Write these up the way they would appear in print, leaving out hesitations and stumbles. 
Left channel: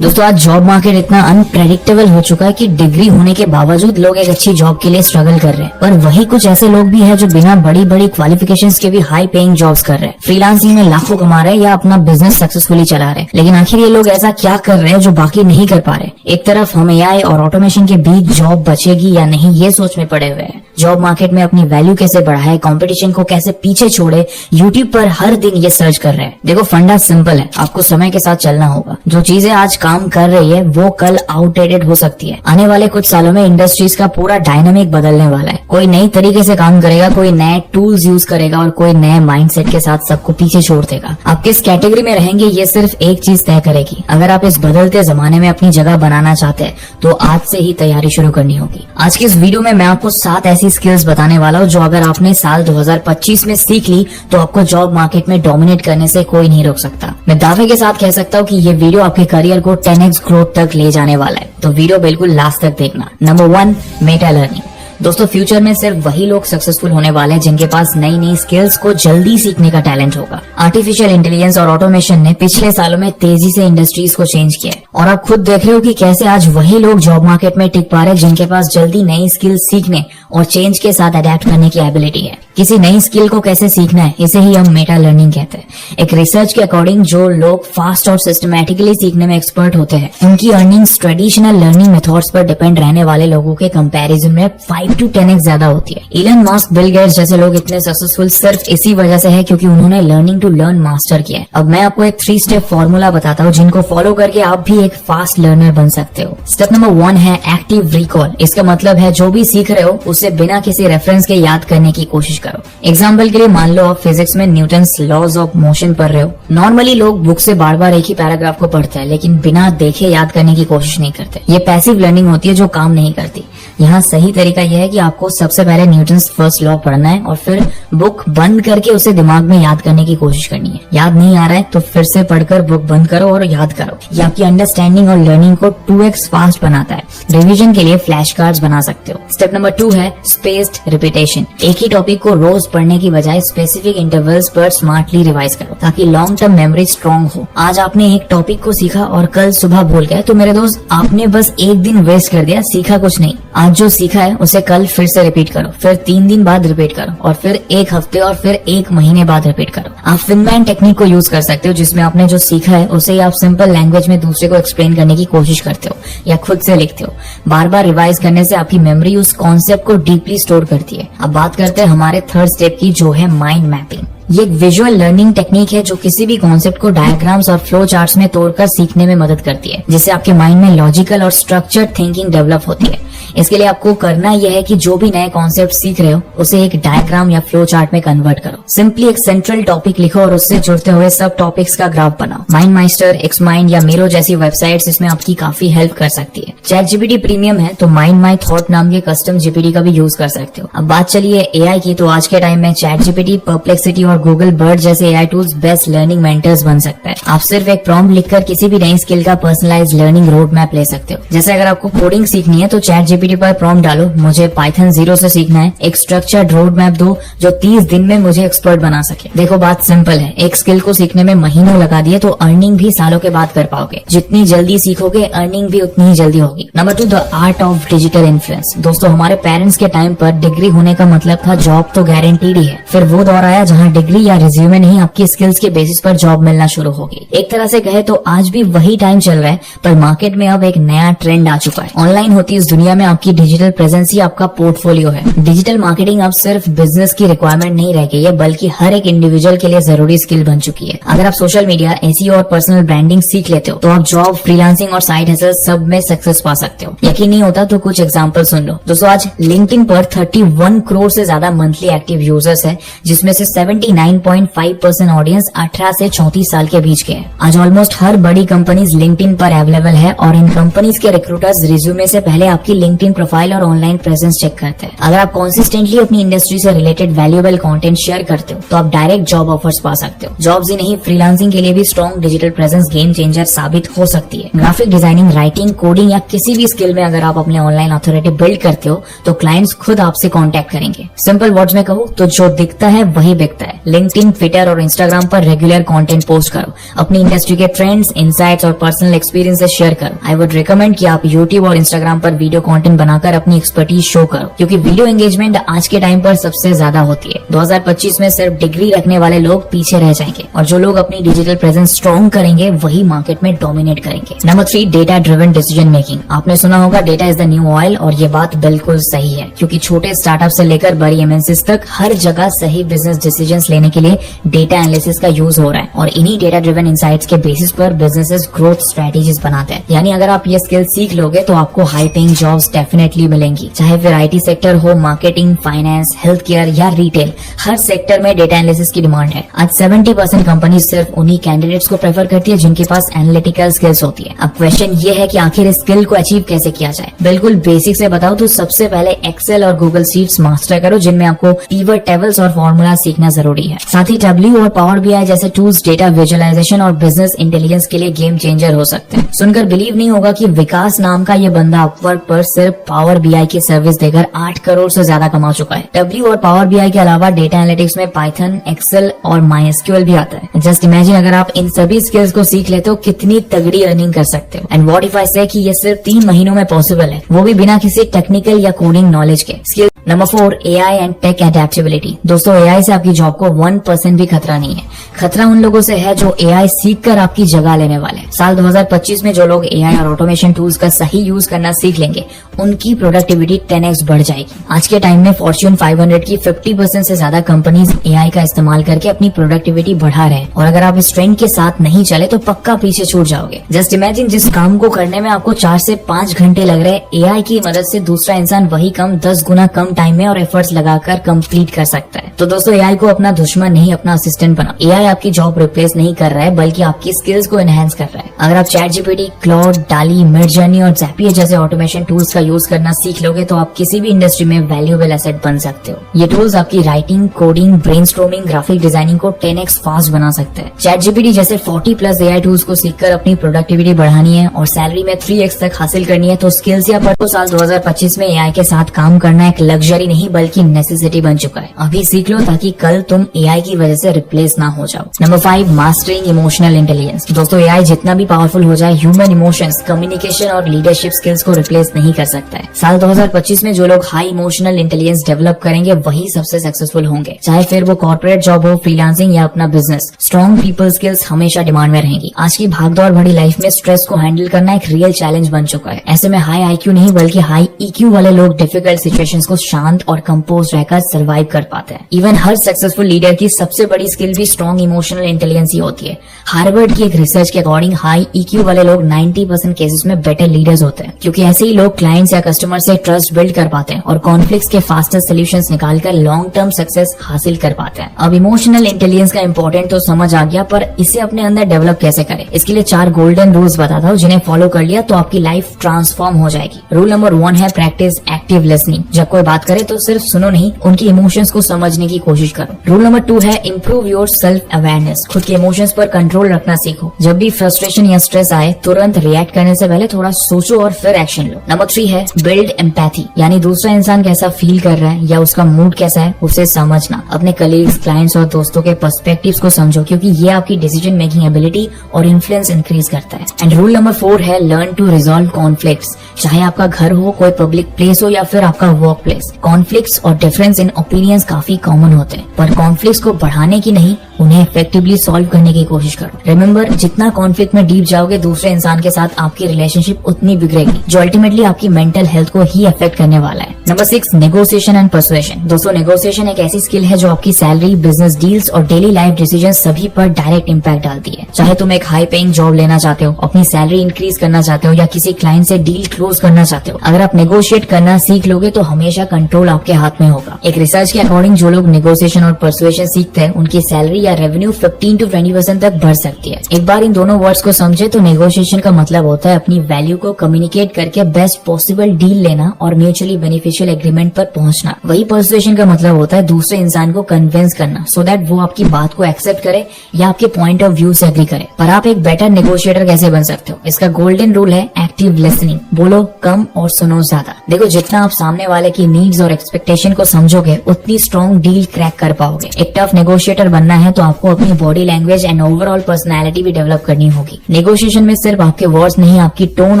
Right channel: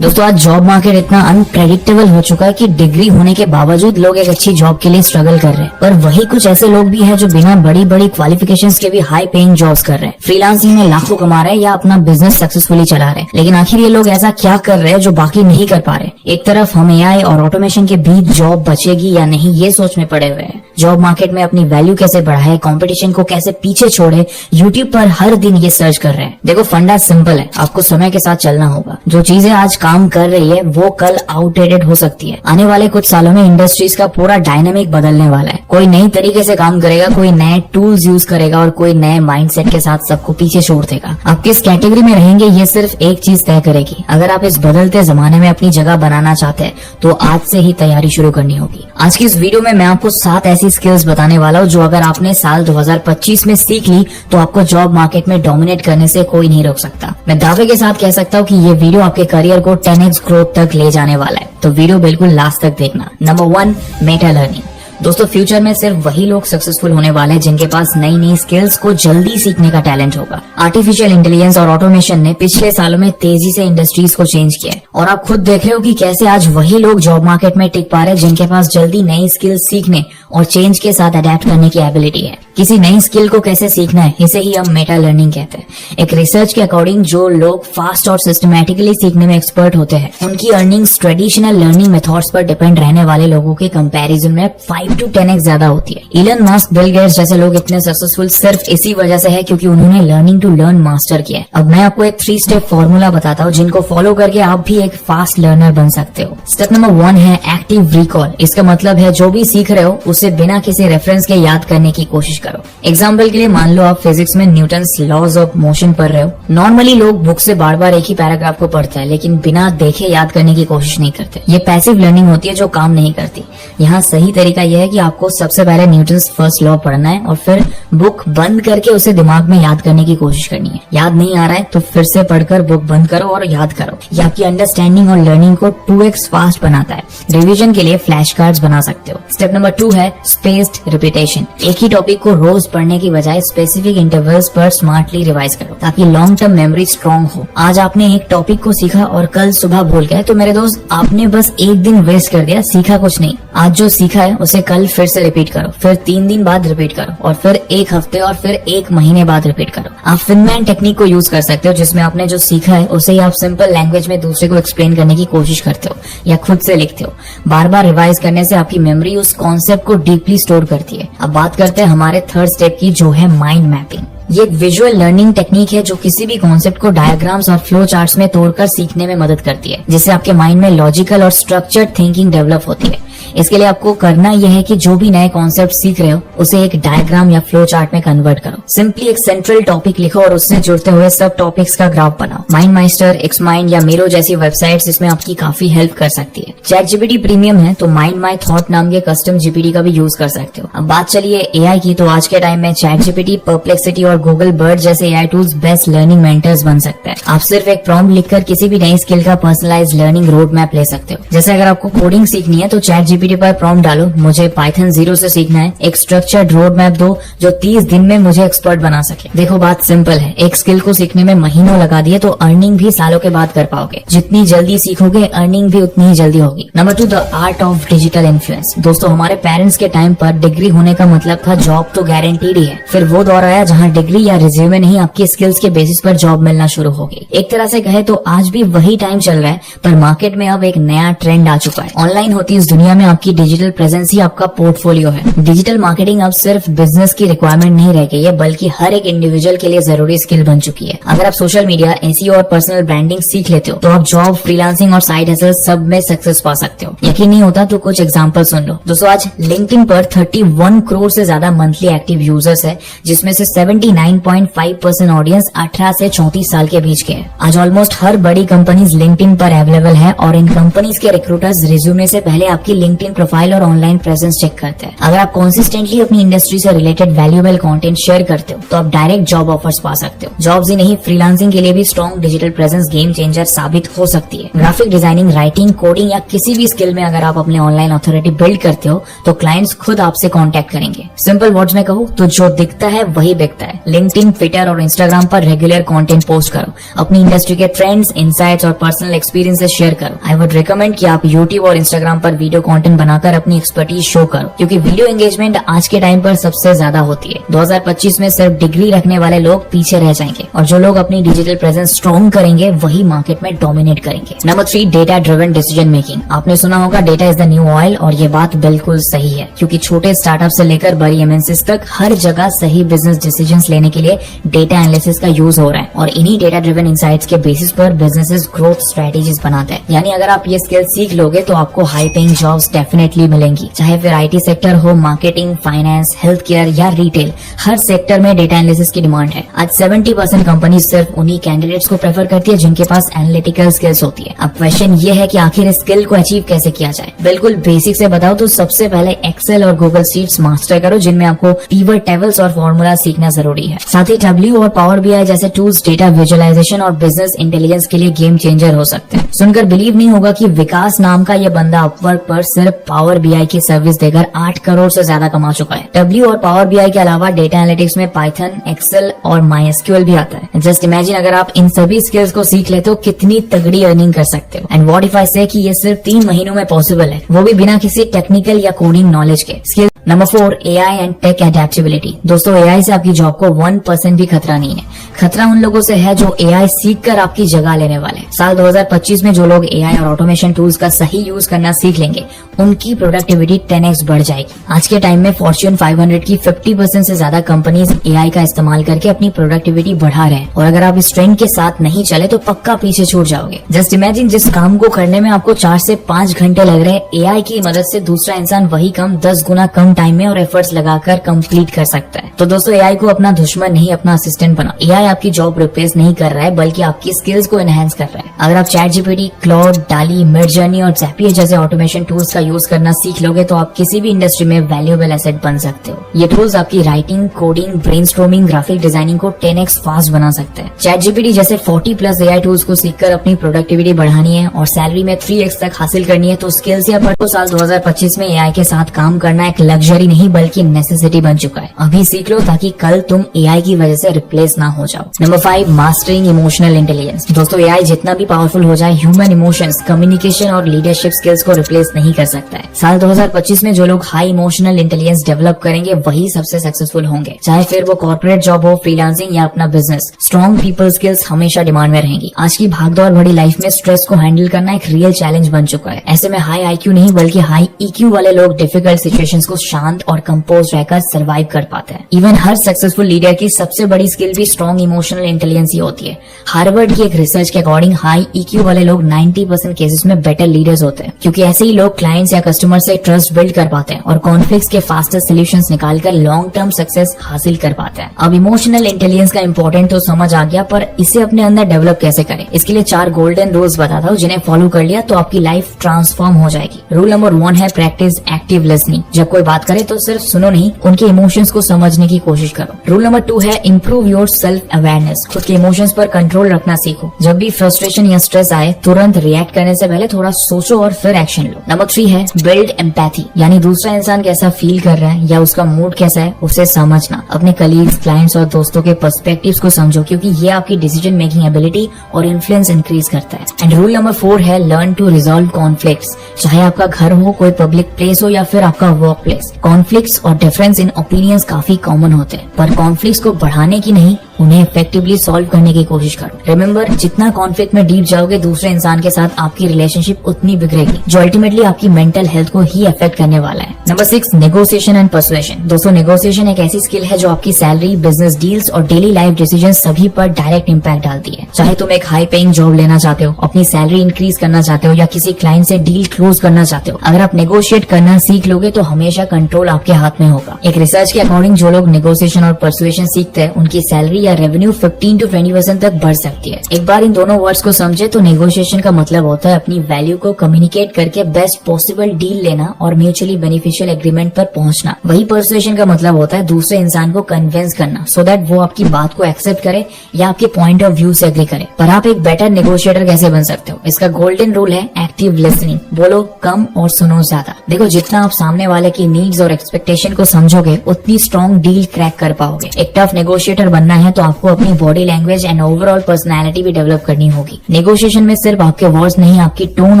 दोस्तों आज job market इतना अनप्रेडिक्टेबल हो चुका है कि डिग्री होने के बावजूद लोग एक अच्छी जॉब के लिए स्ट्रगल कर रहे हैं। पर वही कुछ ऐसे लोग भी हैं जो बिना बड़ी बड़ी क्वालिफिकेशंस के भी हाई पेइंग जॉब्स कर रहे हैं, फ्रीलांसिंग में लाखों कमा रहे हैं या अपना बिजनेस सक्सेसफुली चला रहे हैं। लेकिन आखिर ये लोग ऐसा क्या कर रहे हैं जो बाकी नहीं कर पा रहे? एक तरफ हम एआई और ऑटोमेशन के बीच जॉब बचेगी या नहीं ये सोच में पड़े हुए हैं। जॉब मार्केट में अपनी वैल्यू कैसे बढ़ाए, कंपटीशन को कैसे पीछे छोड़े, यूट्यूब पर हर दिन ये सर्च कर रहे हैं। देखो फंडा सिंपल है, आपको समय के साथ चलना होगा। जो चीजें आज काम कर रही है वो कल आउटडेटेड हो सकती है। आने वाले कुछ सालों में इंडस्ट्रीज का पूरा डायनामिक बदलने वाला है। कोई नई तरीके से काम करेगा, कोई नए टूल्स यूज करेगा और कोई नए माइंडसेट के साथ सबको पीछे छोड़ देगा। आप किस कैटेगरी में रहेंगे ये सिर्फ एक चीज तय करेगी। अगर आप इस बदलते जमाने में अपनी जगह बनाना चाहते हैं तो आज से ही तैयारी शुरू करनी होगी। आज की इस वीडियो में मैं आपको 7 ऐसी स्किल्स बताने वाला हूँ जो अगर आपने साल 2025 में सीख ली तो आपको जॉब मार्केट में डोमिनेट करने से कोई नहीं रोक सकता। मैं दावे के साथ कह सकता हूँ कि ये वीडियो आपके करियर को 10x ग्रोथ तक ले जाने वाला है, तो वीडियो बिल्कुल लास्ट तक देखना। Number 1, Meta learning. दोस्तों फ्यूचर में सिर्फ वही लोग सक्सेसफुल होने वाले हैं जिनके पास नई नई स्किल्स को जल्दी सीखने का टैलेंट होगा। आर्टिफिशियल इंटेलिजेंस और ऑटोमेशन ने पिछले सालों में तेजी से इंडस्ट्रीज को चेंज किया है और आप खुद देख रहे हो कि कैसे आज वही लोग जॉब मार्केट में टिक पा रहे हैं जिनके पास जल्दी नई स्किल्स सीखने और चेंज के साथ अडेप्ट करने की एबिलिटी है। किसी नई स्किल को कैसे सीखना है, इसे ही हम मेटा लर्निंग कहते हैं। एक रिसर्च के अकॉर्डिंग जो लोग फास्ट और सिस्टमैटिकली सीखने में एक्सपर्ट होते हैं उनकी अर्निंग्स ट्रेडिशनल लर्निंग मेथड्स पर डिपेंड रहने वाले लोगों के कंपैरिजन में 5 to 10x ज्यादा होती है। इलन मस्क, बिल गेट्स जैसे लोग इतने सक्सेसफुल सिर्फ इसी वजह से है क्योंकि उन्होंने लर्निंग टू लर्न मास्टर किया है। अब मैं आपको एक 3 स्टेप फॉर्मूला बताता हूँ जिनको फॉलो करके आप भी एक फास्ट लर्नर बन सकते हो। स्टेप नंबर 1 है एक्टिव रिकॉल। इसका मतलब है जो भी सीख रहे हो उसे बिना किसी रेफरेंस के याद करने की कोशिश करो। एग्जाम्पल के लिए मान लो आप फिजिक्स में न्यूटन्स लॉज ऑफ मोशन पढ़ रहे हो। नॉर्मली लोग बुक से बार बार एक ही पैराग्राफ को पढ़ते हैं लेकिन बिना देखे याद करने की कोशिश नहीं करते। ये पैसिव लर्निंग होती है जो काम नहीं करती। यहाँ सही तरीका यह है कि आपको सबसे पहले न्यूटन्स फर्स्ट लॉ पढ़ना है और फिर बुक बंद करके उसे दिमाग में याद करने की कोशिश करनी है। याद नहीं आ रहा है तो फिर से पढ़कर बुक बंद करो और याद करो। ये आपकी अंडरस्टैंडिंग और लर्निंग को 2x फास्ट बनाता है। रिवीजन के लिए फ्लैश कार्ड्स बना सकते हो। स्टेप नंबर 2 है स्पेस्ड रिपीटेशन। एक ही टॉपिक को रोज पढ़ने की बजाय स्पेसिफिक इंटरवल्स पर स्मार्टली रिवाइज करो ताकि लॉन्ग टर्म मेमोरी स्ट्रॉन्ग हो। आज आपने एक टॉपिक को सीखा और कल सुबह भूल गए तो मेरे दोस्त आपने बस एक दिन वेस्ट कर दिया, सीखा कुछ नहीं। आज जो सीखा है उसे कल फिर से रिपीट करो, फिर 3 दिन बाद रिपीट करो और फिर 1 हफ्ते और फिर 1 महीने बाद रिपीट करो। आप फिनमैन टेक्निक को यूज कर सकते हो जिसमें आपने जो सीखा है उसे ही आप सिंपल लैंग्वेज में दूसरे को एक्सप्लेन करने की कोशिश करते हो या खुद से लिखते हो। बार बार रिवाइज करने से आपकी मेमोरी उस कॉन्सेप्ट को डीपली स्टोर करती है। अब बात करते हैं हमारे 3rd स्टेप की जो है माइंड मैपिंग। ये एक विजुअल लर्निंग टेक्निक है जो किसी भी कॉन्सेप्ट को डायग्राम्स और फ्लो चार्ट्स में तोड़कर सीखने में मदद करती है जिससे आपके माइंड में लॉजिकल और स्ट्रक्चर्ड थिंकिंग डेवलप होती है। इसके लिए आपको करना यह है कि जो भी नए कॉन्सेप्ट सीख रहे हो उसे एक डायग्राम या फ्लो चार्ट में कन्वर्ट करो। सिंपली एक सेंट्रल टॉपिक लिखो और उससे जुड़ते हुए सब टॉपिक्स का ग्राफ बनाओ। माइंड मास्टर, एक्स माइंड या मिरो जैसी वेबसाइट्स इसमें आपकी काफी हेल्प कर सकती है। चैट जीपीटी प्रीमियम है तो माइंड माई थॉट नाम के कस्टम जीपीटी का भी यूज कर सकते हो। अब बात चलिए एआई की, तो आज के टाइम में चैट जीपीटी, परप्लेक्सिटी और गूगल बर्ड जैसे AI tools best learning mentors बन सकते हैं। आप सिर्फ एक प्रॉम्प्ट लिखकर किसी भी नई स्किल का पर्सनलाइज्ड लर्निंग रोड मैप ले सकते हो। जैसे अगर आपको कोडिंग सीखनी है तो चैट जीपीटी पर प्रॉम्प्ट डालो, मुझे पाइथन 0 से सीखना है, एक स्ट्रक्चर्ड रोड मैप दो जो 30 दिन में मुझे एक्सपर्ट बना सके। देखो बात सिंपल है, एक स्किल को सीखने में महीनों लगा दिए तो अर्निंग भी सालों के बाद कर पाओगे। जितनी जल्दी सीखोगे अर्निंग भी उतनी ही जल्दी होगी। Number 2, the art of digital influence. दोस्तों हमारे पेरेंट्स के टाइम पर डिग्री होने का मतलब था जॉब तो गारंटीड ही है। फिर वो दौर आया जहाँ डिग्री या रिज्यूमे नहीं आपकी स्किल्स के बेसिस पर जॉब मिलना शुरू होगी। एक तरह से कहे तो आज भी वही टाइम चल रहा है पर मार्केट में अब एक नया ट्रेंड आ चुका है। ऑनलाइन होती इस दुनिया में आपकी डिजिटल प्रेजेंस ही आपका पोर्टफोलियो है। डिजिटल मार्केटिंग अब सिर्फ बिजनेस की रिक्वायरमेंट नहीं रह गई है बल्कि हर एक इंडिविजुअल के लिए जरूरी स्किल बन चुकी है। अगर आप सोशल मीडिया, एसईओ और पर्सनल ब्रांडिंग सीख लेते हो तो आप जॉब, फ्रीलांसिंग और साइड हसल सब में सक्सेस पा सकते हो। यकीन नहीं होता तो कुछ एग्जांपल सुन लो। दोस्तों आज लिंक्डइन पर 31 करोड़ से ज्यादा मंथली एक्टिव यूजर्स है जिसमें से 79.5% ऑडियंस 18 से 34 साल के बीच के है। आज ऑलमोस्ट हर बड़ी कंपनीज लिंक्डइन पर अवेलेबल है और इन कंपनीज के रिक्रूटर्स रिज्यूमे से पहले आपकी लिंक्डइन लिंक्डइन प्रोफाइल और ऑनलाइन प्रेजेंस चेक करते हैं। अगर आप कंसिस्टेंटली अपनी इंडस्ट्री से रिलेटेड वैल्यूएबल कंटेंट शेयर करते हो तो आप डायरेक्ट जॉब ऑफर्स पा सकते हो। जॉब्स ही नहीं, फ्रीलांसिंग के लिए भी strong digital presence game changer साबित हो सकती है। ग्राफिक डिजाइनिंग, राइटिंग, कोडिंग या किसी भी स्किल में अगर आप अपने ऑनलाइन अथॉरिटी बिल्ड करते हो तो क्लाइंट्स खुद आपसे कांटेक्ट करेंगे। सिंपल वर्ड्स में कहूँ तो जो दिखता है वही बिकता है। लिंक्डइन, ट्विटर और इंस्टाग्राम पर रेगुलर कंटेंट पोस्ट करो, अपनी इंडस्ट्री के ट्रेंड्स, इनसाइट्स और पर्सनल एक्सपीरियंसेस शेयर करो। आई वुड रिकमेंड कि आप यूट्यूब और इंस्टाग्राम पर वीडियो कंटेंट बनाकर अपनी एक्सपर्टीज शो करो, क्योंकि वीडियो एंगेजमेंट आज के टाइम पर सबसे ज्यादा होती है। 2025 में सिर्फ डिग्री रखने वाले लोग पीछे रह जाएंगे और जो लोग अपनी डिजिटल प्रेजेंस स्ट्रॉन्ग करेंगे वही मार्केट में डोमिनेट करेंगे। Number 3, data driven decision making. आपने सुना होगा data is the new oil, और ये बात बिल्कुल सही है, क्योंकि छोटे स्टार्टअप से लेकर बड़ी एमएनसीज तक हर जगह सही बिजनेस डिसीजंस लेने के लिए डेटा एनालिसिस का यूज हो रहा है और इन्हीं डेटा ड्रिवन इनसाइट्स के बेसिस पर बिजनेसेस ग्रोथ स्ट्रेटेजीज बनाते हैं। यानी अगर आप ये स्किल सीख लोगे तो आपको हाई पेइंग जॉब्स डेफिनेटली मिलेंगी, चाहे फिर आईटी सेक्टर हो, मार्केटिंग, फाइनेंस, हेल्थ केयर या रिटेल, हर सेक्टर में डेटा एनालिसिस की डिमांड है। आज 70% कंपनी सिर्फ उन्हीं कैंडिडेट्स को प्रेफर करती है जिनके पास एनालिटिकल स्किल्स होती है। अब क्वेश्चन ये है कि आखिर इस स्किल को अचीव कैसे किया जाए। बिल्कुल बेसिक से बताओ तो सबसे पहले एक्सेल और गूगल शीट्स मास्टर करो, जिनमें आपको पीवर्ड टेबल्स और फॉर्मूला सीखना जरूरी है। साथ ही टैब्ल्यू और पावर बीआई जैसे टूल्स डेटा विजुअलाइजेशन और बिजनेस इंटेलिजेंस के लिए गेम चेंजर हो सकते हैं। सुनकर बिलीव नहीं होगा कि विकास नाम का ये बंदा अपवर्क पर सिर्फ पावर बीआई की सर्विस देकर 8 करोड़ से ज्यादा कमा चुका है। टैब्ल्यू और पावर बीआई के अलावा डेटा एनालिटिक्स में पाइथन, एक्सेल और माइएसक्यूएल भी आता है। जस्ट इमेजिन अगर आप इन सभी स्किल्स को सीख लेते हो कितनी तगड़ी अर्निंग कर सकते हो। एंड व्हाट इफ आई से कि ये सिर्फ 3 महीनों में पॉसिबल है, वो भी बिना किसी टेक्निकल या कोडिंग नॉलेज के। Skill number 4, AI and tech adaptability. दोस्तों, एआई से आपकी जॉब को 1% भी खतरा नहीं है। खतरा उन लोगों से है जो एआई सीखकर आपकी जगह लेने वाले। साल 2025 में जो लोग एआई और ऑटोमेशन टूल्स का सही यूज करना सीख लेंगे उनकी प्रोडक्टिविटी 10x बढ़ जाएगी। आज के टाइम में फॉर्च्यून 500 की 50% से ज्यादा कंपनीज एआई का इस्तेमाल करके अपनी प्रोडक्टिविटी बढ़ा रहे हैं और अगर आप इस ट्रेंड के साथ नहीं चले तो पक्का पीछे छूट जाओगे। जस्ट इमेजिन जिस काम को करने में आपको 4 से 5 घंटे लग रहे हैं, एआई की मदद से दूसरा इंसान वही काम 10 गुना कम टाइम में और एफर्ट्स लगाकर कंप्लीट कर सकता है। तो दोस्तों, एआई को अपना दुश्मन नहीं, अपना असिस्टेंट बनाओ। एआई आपकी जॉब रिप्लेस नहीं कर रहा है बल्कि आपकी स्किल्स को एनहांस कर रहा है। अगर आप चैटजीपीटी, क्लाउड, डाली, मिडजर्नी और ज़ैपियर जैसे ऑटोमेशन टूल्स का यूज करना सीख लोगे तो आप किसी भी इंडस्ट्री में वैल्यूएबल एसेट बन सकते हो। ये टूल्स आपकी writing, coding, brainstorming, graphic designing को 10x फास्ट बना सकते हैं। चैटजीपीटी जैसे 40+ एआई टूल्स को सीखकर अपनी प्रोडक्टिविटी बढ़ानी है और सैलरी में 3x तक हासिल करनी है तो स्किल्स या पढ़ो। साल 2025 में एआई के साथ काम करना एक लग्जरी नहीं बल्कि नेसेसिटी बन चुका है। अभी सीख लो ताकि कल तुम एआई की वजह से रिप्लेस ना हो जाओ। Number 5, mastering emotional intelligence. दोस्तों, एआई जितना भी पावरफुल हो जाए, ह्यूमन इमोशंस, कम्युनिकेशन और लीडरशिप स्किल्स को रिप्लेस नहीं कर सकता है। साल 2025 में जो लोग हाई इमोशनल इंटेलिजेंस डेवलप करेंगे वही सबसे सक्सेसफुल होंगे, चाहे फिर वो कॉर्पोरेट जॉब हो, फ्रीलांसिंग या अपना बिजनेस। स्ट्रॉन्ग पीपल स्किल्स हमेशा डिमांड में रहेंगी। आज की भागदौड़ भरी लाइफ में स्ट्रेस को हैंडल करना एक रियल चैलेंज बन चुका है। ऐसे में हाई आईक्यू नहीं बल्कि हाई ईक्यू वाले लोग डिफिकल्ट सिचुएशंस को शांत और कंपोज रहकर सर्वाइव कर पाते हैं। इवन हर सक्सेसफुल लीडर की सबसे बड़ी स्किल भी स्ट्रॉन्ग इमोशनल इंटेलिजेंस ही होती है। हार्वर्ड की एक रिसर्च के अकॉर्डिंग हाई ईक्यू वाले लोग 90% केसेस में बेटर लीडर्स होते हैं, क्योंकि ऐसे ही लोग क्लाइंट्स या कस्टमर से ट्रस्ट बिल्ड कर पाते हैं और कॉन्फ्लिक्ट्स के फास्टेस्ट सॉल्यूशंस निकालकर लॉन्ग टर्म सक्सेस हासिल कर पाते हैं। अब इमोशनल इंटेलिजेंस का इंपॉर्टेंट तो समझ आ गया, पर इसे अपने अंदर डेवलप कैसे करें, इसके लिए 4 गोल्डन रूल्स बताता हूँ जिन्हें फॉलो कर लिया तो आपकी लाइफ ट्रांसफॉर्म हो जाएगी। रूल नंबर 1 है प्रैक्टिस एक्टिव लिसनिंग। जब कोई बात करे तो सिर्फ सुनो नहीं, उनके इमोशंस को समझने की कोशिश करो। रूल नंबर 2 है इम्प्रूव योर सेल्फ अवेयरनेस। खुद के इमोशंस पर कंट्रोल रखना सीखो। जब भी फ्रस्ट्रेशन या स्ट्रेस आए तुरंत रिएक्ट करने से पहले थोड़ा सोचो और फिर एक्शन लो। नंबर 3 है बिल्ड एम्पैथी, यानी दूसरा इंसान कैसा फील कर रहा है या उसका मूड कैसा है उसे समझना। अपने कलीग्स, क्लाइंट्स और दोस्तों के पर्सपेक्टिव्स को समझो, क्योंकि ये आपकी डिसीजन मेकिंग एबिलिटी और इन्फ्लुएंस इंक्रीज करता है। एंड रूल नंबर 4 है लर्न टू रिजॉल्व कॉन्फ्लिक्ट्स। चाहे आपका घर हो, कोई पब्लिक प्लेस हो या फिर आपका वर्क प्लेस, कॉन्फ्लिक्ट्स और डिफरेंस इन ओपिनियंस काफी कॉमन होते हैं, पर कॉन्फ्लिक्ट्स को बढ़ाने की नहीं, उन्हें इफेक्टिवली सॉल्व करने की कोशिश करो। रिमेंबर, जितना कॉन्फ्लिक्ट में डीप जाओगे दूसरे इंसान के साथ आपकी रिलेशनशिप उतनी बिगड़ेगी, जो अल्टीमेटली आपकी मेंटल हेल्थ को ही अफेक्ट करने वाला है। Number 6 negotiation and persuasion. दोस्तों, नेगोशिएशन एक ऐसी स्किल है जो आपकी सैलरी, बिजनेस डील्स और डेली लाइफ डिसीजन सभी पर डायरेक्ट इम्पैक्ट डालती है। चाहे तुम एक हाई पेइंग जॉब लेना चाहते हो, अपनी सैलरी इंक्रीज करना चाहते हो या किसी क्लाइंट से डील क्लोज करना चाहते हो, अगर आप नेगोशिएट करना सीख लोगे तो हमेशा कंट्रोल आपके हाथ में होगा। एक रिसर्च के अकॉर्डिंग जो लोग नेगोशिएशन और परसुएशन सीखते हैं उनकी सैलरी या रेवेन्यू 15 to 20% तक बढ़ सकती है। एक बार इन दोनों वर्ड्स को समझे तो नेगोशिएशन का मतलब होता है अपनी वैल्यू को कम्युनिकेट करके बेस्ट पॉसिबल डील लेना और म्यूचुअली बेनिफिशियल एग्रीमेंट पर पहुंचना। वही परसुएशन का मतलब होता है दूसरे इंसान को कन्विंस करना सो दैट वो आपकी बात को एक्सेप्ट करे या आपके पॉइंट ऑफ व्यू से एग्री करे। पर आप एक बेटर नेगोशिएटर कैसे बन सकते हो? इसका गोल्डन रूल है एक्टिव लिसनिंग। बोलो कम और सुनो ज्यादा। देखो जितना आप सामने वाले की नीड्स और एक्सपेक्टेशन को समझोगे उतनी स्ट्रॉन्ग डील क्रैक कर पाओगे। एक टफ नेगोशिएटर बनना है तो आपको अपनी body language and overall personality भी डेवलप करनी होगी। नेगोशिएशन में सिर्फ आपके वर्ड्स नहीं, आपकी टोन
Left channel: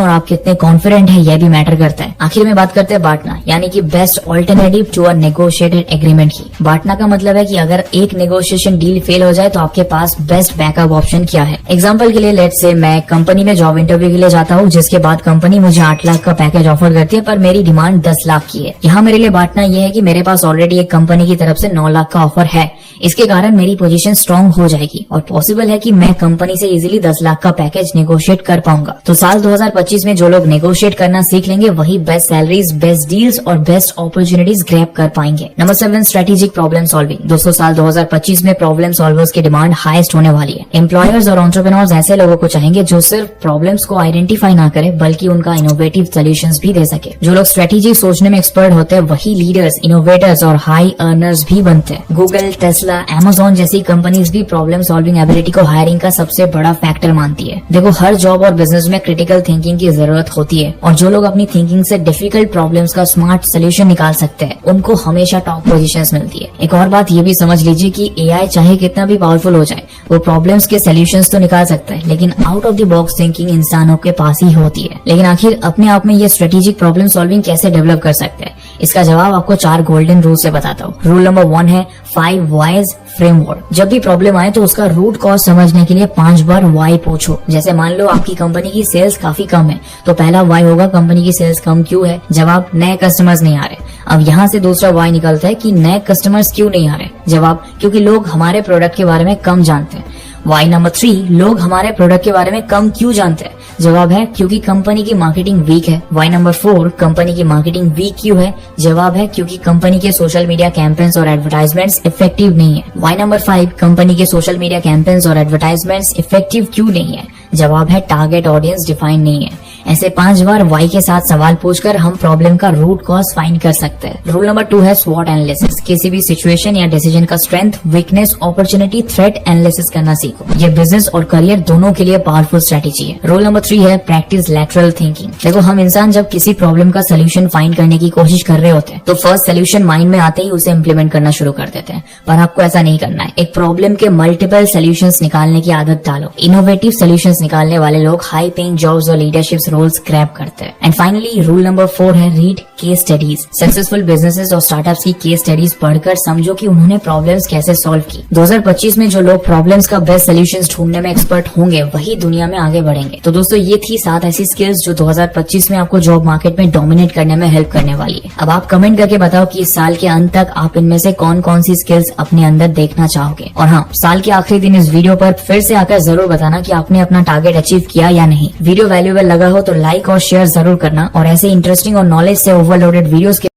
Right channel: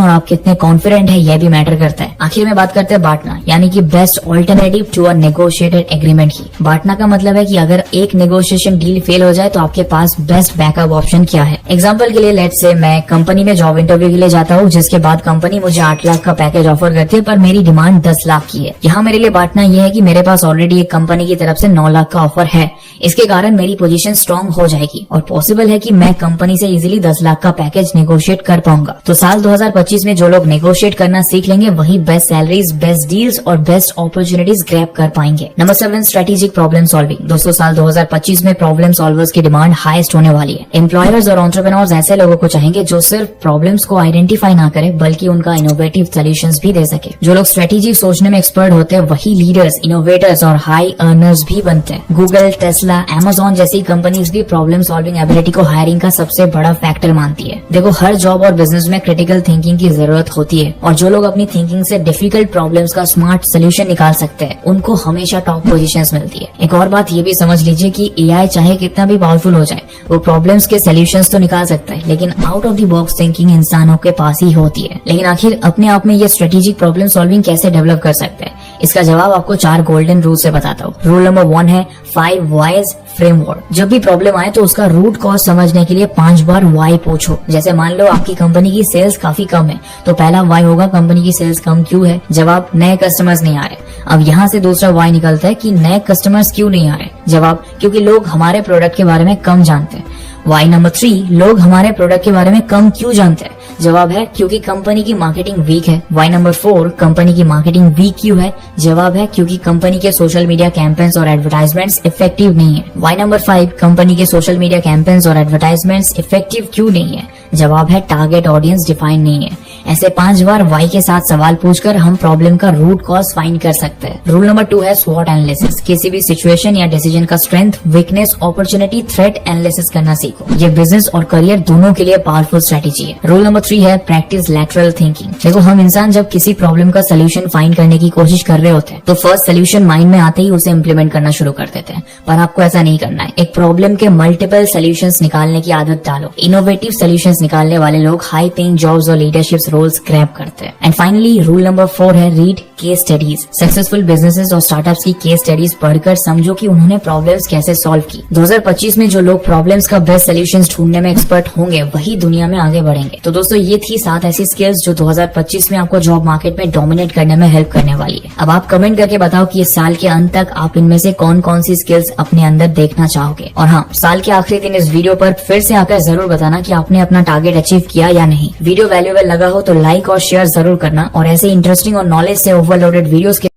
और आप कितने कॉन्फिडेंट है यह भी मैटर करता है। आखिर में बात करते हैं बांटना, यानी कि best alternative to a negotiated agreement की। बांटना का मतलब है कि अगर एक नेगोशिएशन डील फेल हो जाए तो आपके पास बेस्ट बैकअप ऑप्शन क्या है। एग्जाम्पल के लिए लेट्स से मैं कंपनी में जॉब इंटरव्यू के लिए जाता हूँ, जिसके बाद कंपनी मुझे 8 लाख का पैकेज ऑफर करती है पर मेरी डिमांड 10 लाख की है। यहाँ मेरे लिए बांटना यह है कि मेरे पास ऑलरेडी एक कंपनी की तरफ से 9 लाख का ऑफर है। इसके कारण मेरी पोजीशन स्ट्रांग हो जाएगी और पॉसिबल है कि मैं कंपनी से इजीली 10 लाख का पैकेज नेगोशिएट कर पाऊंगा। तो साल 2025 में जो लोग नेगोशिएट करना सीख लेंगे वही बेस्ट सैलरीज, बेस्ट डील्स और बेस्ट अपॉर्चुनिटीज ग्रैब कर पाएंगे। Number 7, strategic problem solving. दोस्तों साल 2025 में प्रॉब्लम सॉल्वर्स की डिमांड हाईएस्ट होने वाली है। एम्प्लॉयर्स और एंटरप्रेन्योर्स ऐसे लोगों को चाहेंगे जो सिर्फ प्रॉब्लम्स को आइडेंटिफाई ना करे बल्कि उनका इनोवेटिव सॉल्यूशंस भी दे सके। जो लोग स्ट्रेटेजी सोचने में एक्सपर्ट होते हैं वही लीडर्स, इनोवेटर्स और हाई अर्नर्स भी बनते हैं। गूगल, टेस्ला, अमेज़न जैसी कंपनीज भी प्रॉब्लम सॉल्विंग एबिलिटी को हायरिंग का सबसे बड़ा फैक्टर मानती है। देखो हर जॉब और बिजनेस में क्रिटिकल थिंकिंग की जरूरत होती है और जो लोग अपनी थिंकिंग से डिफिकल्ट प्रॉब्लम्स का स्मार्ट सोल्यूशन निकाल सकते हैं उनको हमेशा टॉप पोजीशंस मिलती है। एक और बात ये भी समझ लीजिए कि एआई चाहे कितना भी पावरफुल हो जाए वो प्रॉब्लम्स के सोल्यूशंस तो निकाल सकता है लेकिन out of the box thinking इंसानों के पास ही होती है। लेकिन आखिर अपने आप में ये स्ट्रेटेजिक प्रॉब्लम सॉल्विंग कैसे डेवलप कर सकते हैं? इसका जवाब आपको 4 गोल्डन रूल से बताता हूँ। रूल नंबर 1 है 5 वाइज फ्रेमवर्क। जब भी प्रॉब्लम आए तो उसका रूट कॉज समझने के लिए 5 बार वाई पूछो। जैसे मान लो आपकी कंपनी की सेल्स काफी कम है तो पहला वाई होगा कंपनी की सेल्स कम क्यों है? जवाब, नए कस्टमर्स नहीं आ रहे। अब यहाँ से दूसरा वाई निकलता है कि नए कस्टमर्स क्यों नहीं आ रहे? जवाब, क्योंकि लोग हमारे प्रोडक्ट के बारे में कम जानते हैं। वाई नंबर 3, लोग हमारे प्रोडक्ट के बारे में कम क्यों जानते हैं? जवाब है क्योंकि कंपनी की मार्केटिंग वीक है। वाई नंबर 4, कंपनी की मार्केटिंग वीक क्यों है? जवाब है क्योंकि कंपनी के सोशल मीडिया कैंपेन्स और एडवर्टाइजमेंट्स इफेक्टिव नहीं है। वाई नंबर 5, कंपनी के सोशल मीडिया कैंपेन्स और एडवर्टाइजमेंट्स इफेक्टिव क्यों नहीं है? जवाब है टारगेट ऑडियंस डिफाइन नहीं है। ऐसे 5 बार वाई के साथ सवाल पूछकर हम प्रॉब्लम का रूट कॉज फाइंड कर सकते हैं। रूल नंबर 2 है स्वॉट एनालिसिस। किसी भी सिचुएशन या डिसीजन का strength, weakness, opportunity, threat analysis करना सीखो। ये बिजनेस और करियर दोनों के लिए पावरफुल स्ट्रेटेजी है। रूल नंबर 3 है प्रैक्टिस लैटरल थिंकिंग। देखो हम इंसान जब किसी प्रॉब्लम का सोल्यूशन फाइंड करने की कोशिश कर रहे होते हैं तो फर्स्ट सोल्यूशन माइंड में आते ही उसे इम्प्लीमेंट करना शुरू कर देते हैं, पर आपको ऐसा नहीं करना है। एक प्रॉब्लम के मल्टीपल सोल्यूशंस निकालने की आदत डालो। इनोवेटिव सोल्यूशंस निकालने वाले लोग हाई पेइंग जॉब्स और लीडरशिप रोल्स ग्रैब करते हैं। एंड फाइनली रूल नंबर 4 है read case studies. Successful businesses और स्टार्टअप्स की केस स्टडीज पढ़कर समझो कि उन्होंने प्रॉब्लम्स कैसे सॉल्व की। 2025 में जो लोग प्रॉब्लम्स का बेस्ट सोल्यूशंस ढूंढने में एक्सपर्ट होंगे वही दुनिया में आगे बढ़ेंगे। तो दोस्तों ये थी 7 ऐसी स्किल्स जो 2025 में आपको जॉब मार्केट में डोमिनेट करने में हेल्प करने वाली है। अब आप कमेंट करके बताओ कि इस साल के अंत तक आप इनमें से कौन कौन सी स्किल्स अपने अंदर देखना चाहोगे। और हाँ, साल के आखिरी दिन इस वीडियो पर फिर से आकर जरूर बताना कि आपने अपना टारगेट अचीव किया या नहीं। वीडियो वैल्यूएबल लगा हो तो लाइक और शेयर जरूर करना और ऐसे इंटरेस्टिंग और नॉलेज से ओवरलोडेड वीडियोस के